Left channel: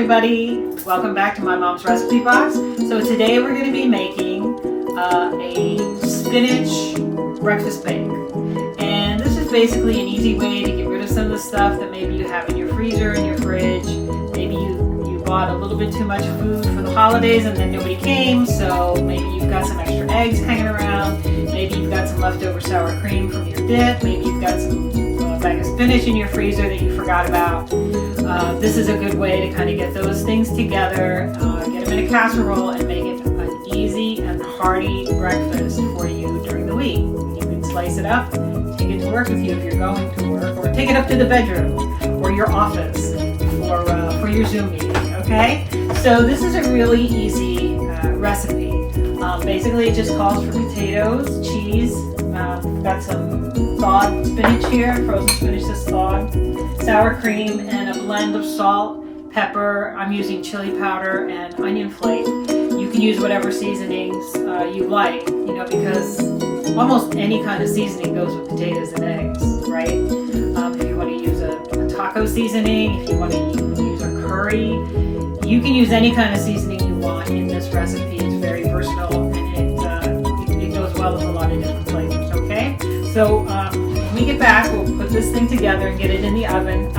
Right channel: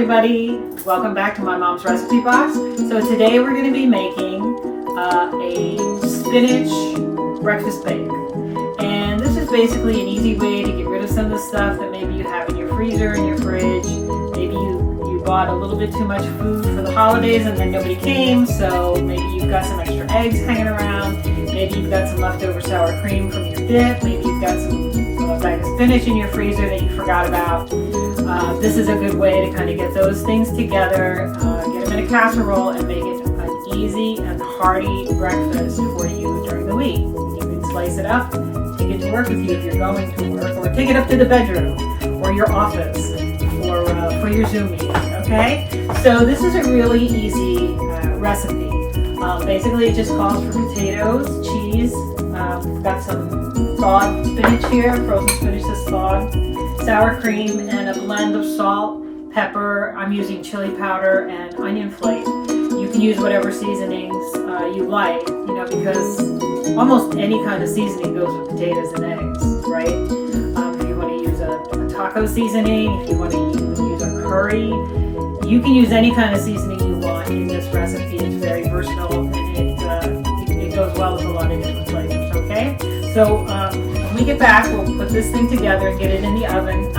everybody, welcome back to my mom's recipe box. So today we're going to be making a spinach breakfast bake, and this is basically an easy way to get rid of some of the stuff that maybe you have in your freezer, in your fridge. Maybe you bought a little bit too much food for the holidays and then nobody came, so maybe you've got some extra eggs hanging around, maybe you've got some leftover sour cream from your dip, maybe you've got some bag of spinach in your freezer that you forgot about. This is a good way to kind of get those things together, get them in a casserole, and make it an easy and hearty breakfast for you during the week. You can slice it up, take it to work with you if you're going to work, or take it up to the bedroom or your office for your Zoom meeting, okay? So this is a really easy recipe. Basically it just calls for potatoes, cheese, we've got some thawed spinach here, frozen spinach that's thawed, sour cream, and a blend of salt, pepper. I'm using chili powder and onion flake. You can use whatever seasonings you like, because almost any kind of seasoning goes with potatoes and eggs, right? If you want to use a taco seasoning, if you want to use a curry, you can use any kind of seasoning you want in this recipe. It's very versatile, and it goes well with a lot of different flavors, okay? So when we get back, we'll put this thing together and get it in the oven,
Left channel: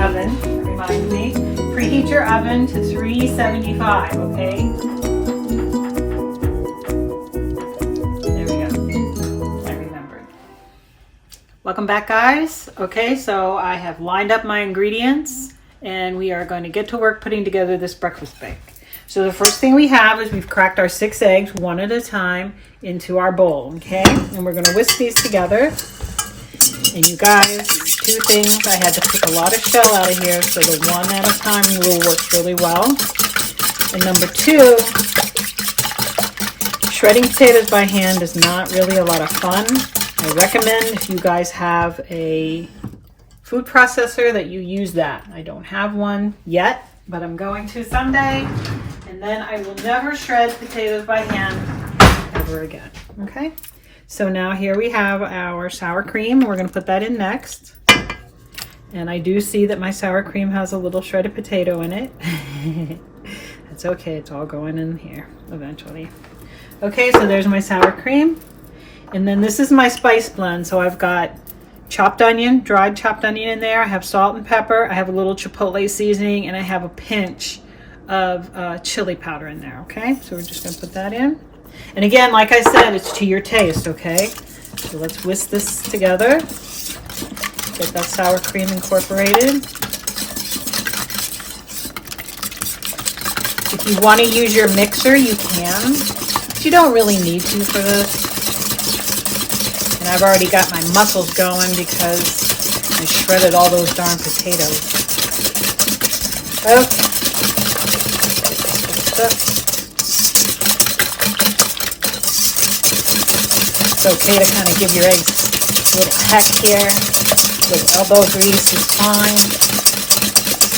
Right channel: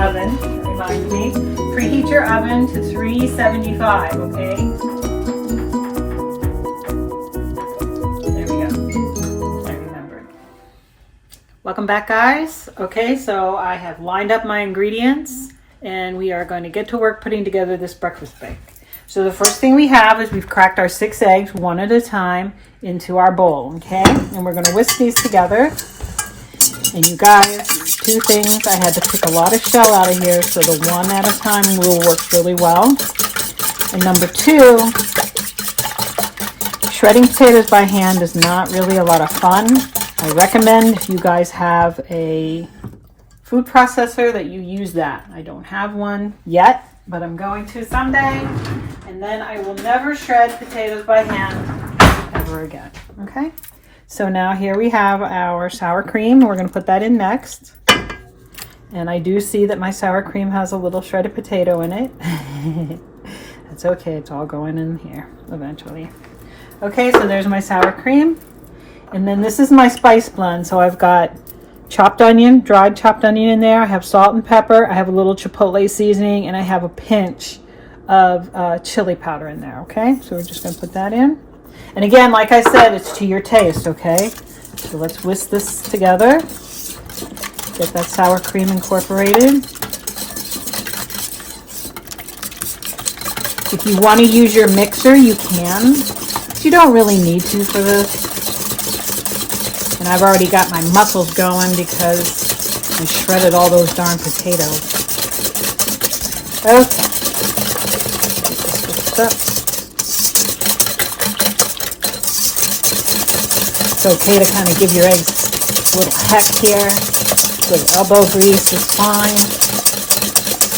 remind me. Preheat your oven to 375, okay? There we go, I remembered. Welcome back, guys. Okay, so I have lined up my ingredients and we are going to get to work putting together this breakfast bake. So the first thing we have is we've cracked our 6 eggs one at a time into our bowl, okay? And we're going to whisk these together. And you guys, 2 things, I had to pick a lot of shell out of here, so the 1 at a time rule works really well. And number 2, shredding potatoes by hand is not really a lot of fun. I recommend if you guys have a food processor that you use that. I don't have one yet, but I'm going to someday. And then I will never shred potatoes by hand ever again, okay? So now here we have our sour cream. We're going to put that in next. And I do see that my sour cream has a little shredded potato in it. That's okay, it's all going in here eventually. Okay, so there's my sour cream. And then this is my spice blend. So I've got chopped onion, dried chopped onion in there. I have salt and pepper. I have a little chipotle seasoning, and I have a pinch of chili powder in there, okay? So we're just going to put that in. And again, like I said, it's to your taste, okay? So let's whisk this together. Get that sour cream incorporated. If you want to use your mixer, you can, but you don't really need to for this. And I've already got my muscles going because we shredded all those darn potatoes. Okay. It's okay to kind of give your eggs a little heck here. Good elbow grease is fine.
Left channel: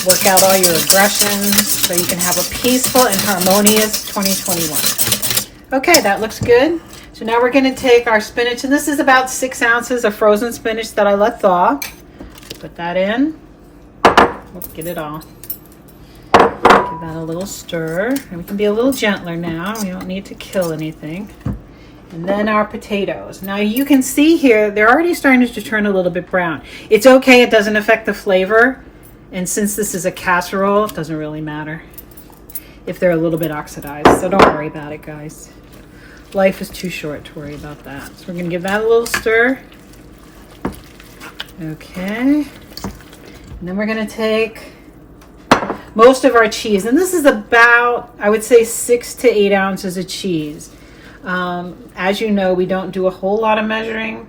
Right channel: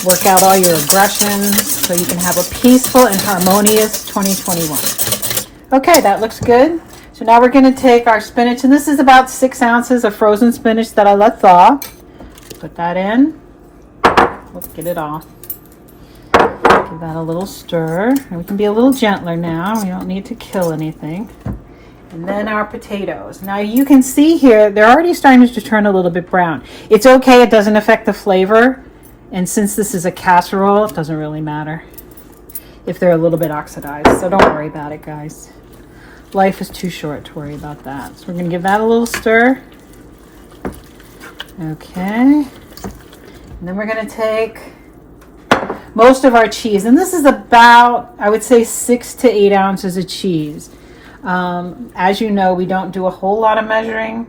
Work out all your aggressions so you can have a peaceful and harmonious 2021. Okay, that looks good. So now we're going to take our spinach, and this is about 6 ounces of frozen spinach that I let thaw. Put that in. Let's get it off. Give that a little stir. And we can be a little gentler now. We don't need to kill anything. And then our potatoes. Now you can see here, they're already starting to turn a little bit brown. It's okay, it doesn't affect the flavor. And since this is a casserole, it doesn't really matter if they're a little bit oxidized. So don't worry about it, guys. Life is too short to worry about that. So we're going to give that a little stir. Okay. And then we're going to take most of our cheese. And this is about, I would say, 6 to 8 ounces of cheese. As you know, we don't do a whole lot of measuring.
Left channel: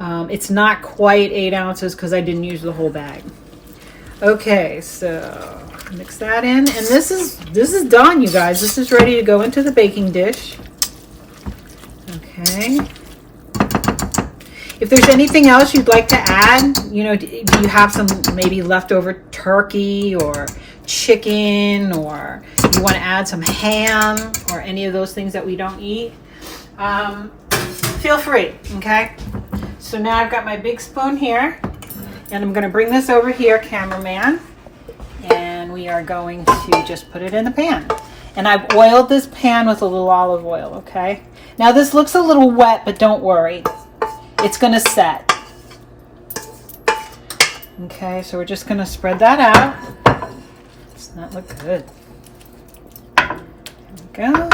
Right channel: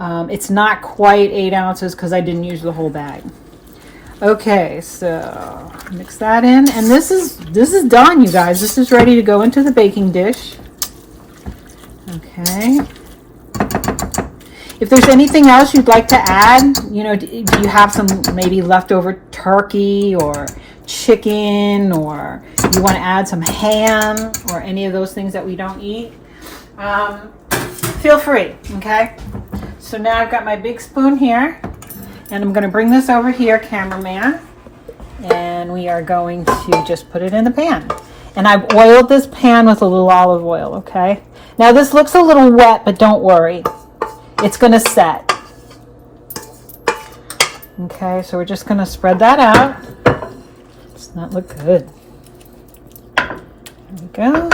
It's not quite 8 ounces because I didn't use the whole bag. Okay, so mix that in. And this is done, you guys. This is ready to go into the baking dish. Okay. If there's anything else you'd like to add, do you have some maybe leftover turkey or chicken, or you want to add some ham or any of those things that we don't eat, feel free, okay? So now I've got my big spoon here, and I'm going to bring this over here, cameraman, and we are going to just put it in the pan. And I've oiled this pan with a little olive oil, okay? Now this looks a little wet, but don't worry. It's gonna set. Okay, so we're just gonna spread that out. Does not look good. There we go.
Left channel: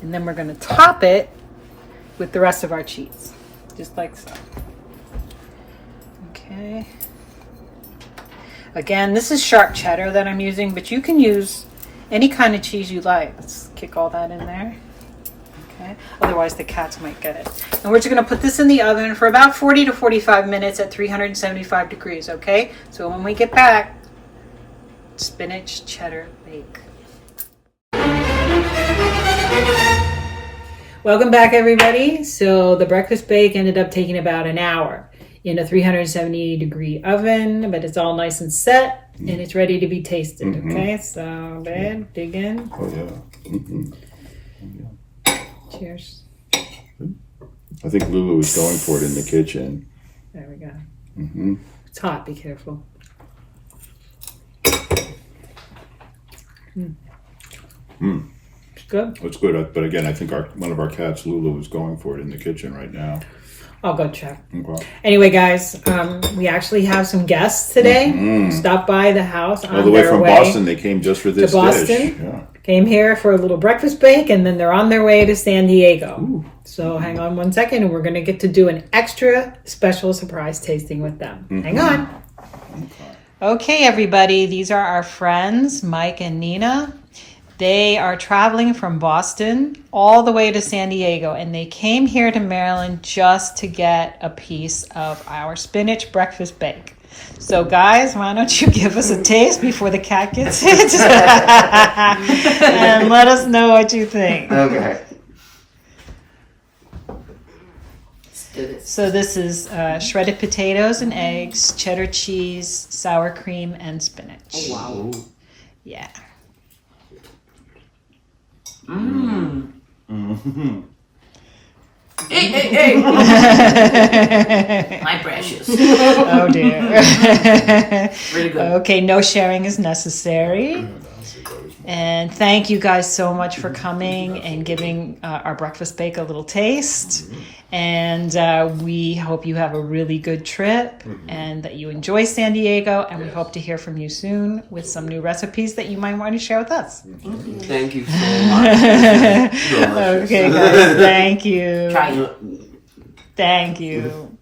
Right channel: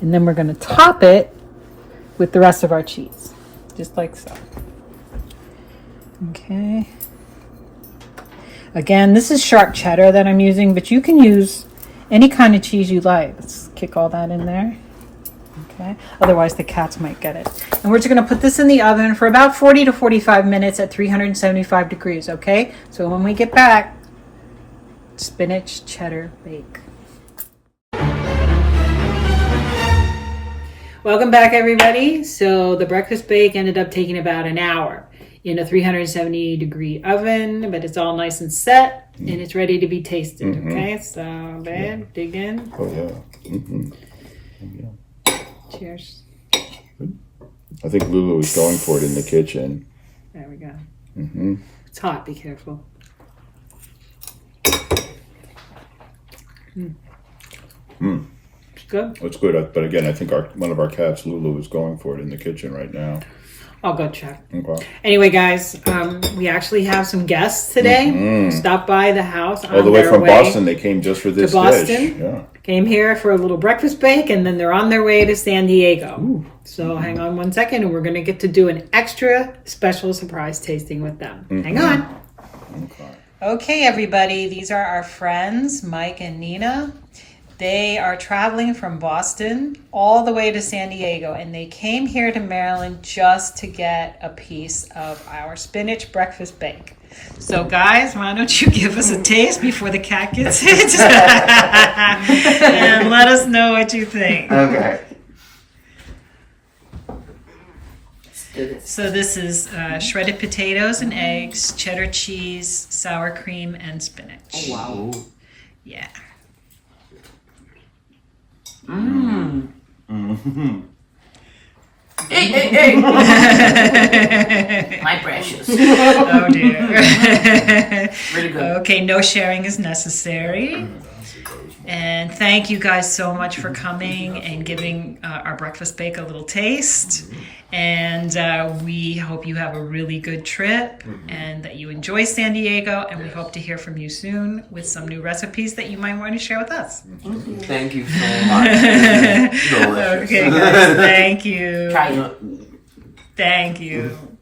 And then we're gonna top it with the rest of our cheese, just like so. Okay. Again, this is sharp cheddar that I'm using, but you can use any kind of cheese you like. Let's kick all that in there. Okay. Otherwise the cats might get it. And we're just going to put this in the oven for about 40 to 45 minutes at 375 degrees, okay? So when we get back, spinach cheddar bake. Welcome back, everybody. So the breakfast bake ended up taking about an hour in a 370 degree oven, but it's all nice and set and it's ready to be tasted. Okay, so babe, dig in. Oh yeah. Cheers. I think Lulu was going for it in the kitchen. There we go. Mm-hmm. It's hot, be careful. It's good. It's good, but again, I think one of our cats, Lulu, is going for it in the kitchen right now. I'll go check. Okay. Anyway, guys, we actually have some guests today. Stopped by the house on All the way their from way Boston. They came just for this to Boston. dish. Yeah. Came here for a little breakfast bake, and then they're on their way to San Diego. So hang on one second, and we're going to get to do an extra special surprise tasting with them. Hang on. Okay, everybody. These are our friends, Mike and Nina. They are traveling from Boston all the way to San Diego, and they came here to Maryland just to get a piece of our spinach breakfast bake. So guys, why don't you give us a taste before the cat gets it? And let us know what you think. Okay. So this is shredded potatoes and eggs, cheddar cheese, sour cream, and spinach. Oh, wow. Yeah. Mmm. Mm-hmm. Hey! My precious. Oh dear. Really good. Okay, no sharing is necessary. And thank you guys so much for coming and giving our breakfast bake a little taste. And we hope you have a really good trip and that you enjoy San Diego. And we hope to hear from you soon with some new recipes that you might want to share with us. Thank you so much. Delicious. Okay, guys, thank you. Try it. Thank you.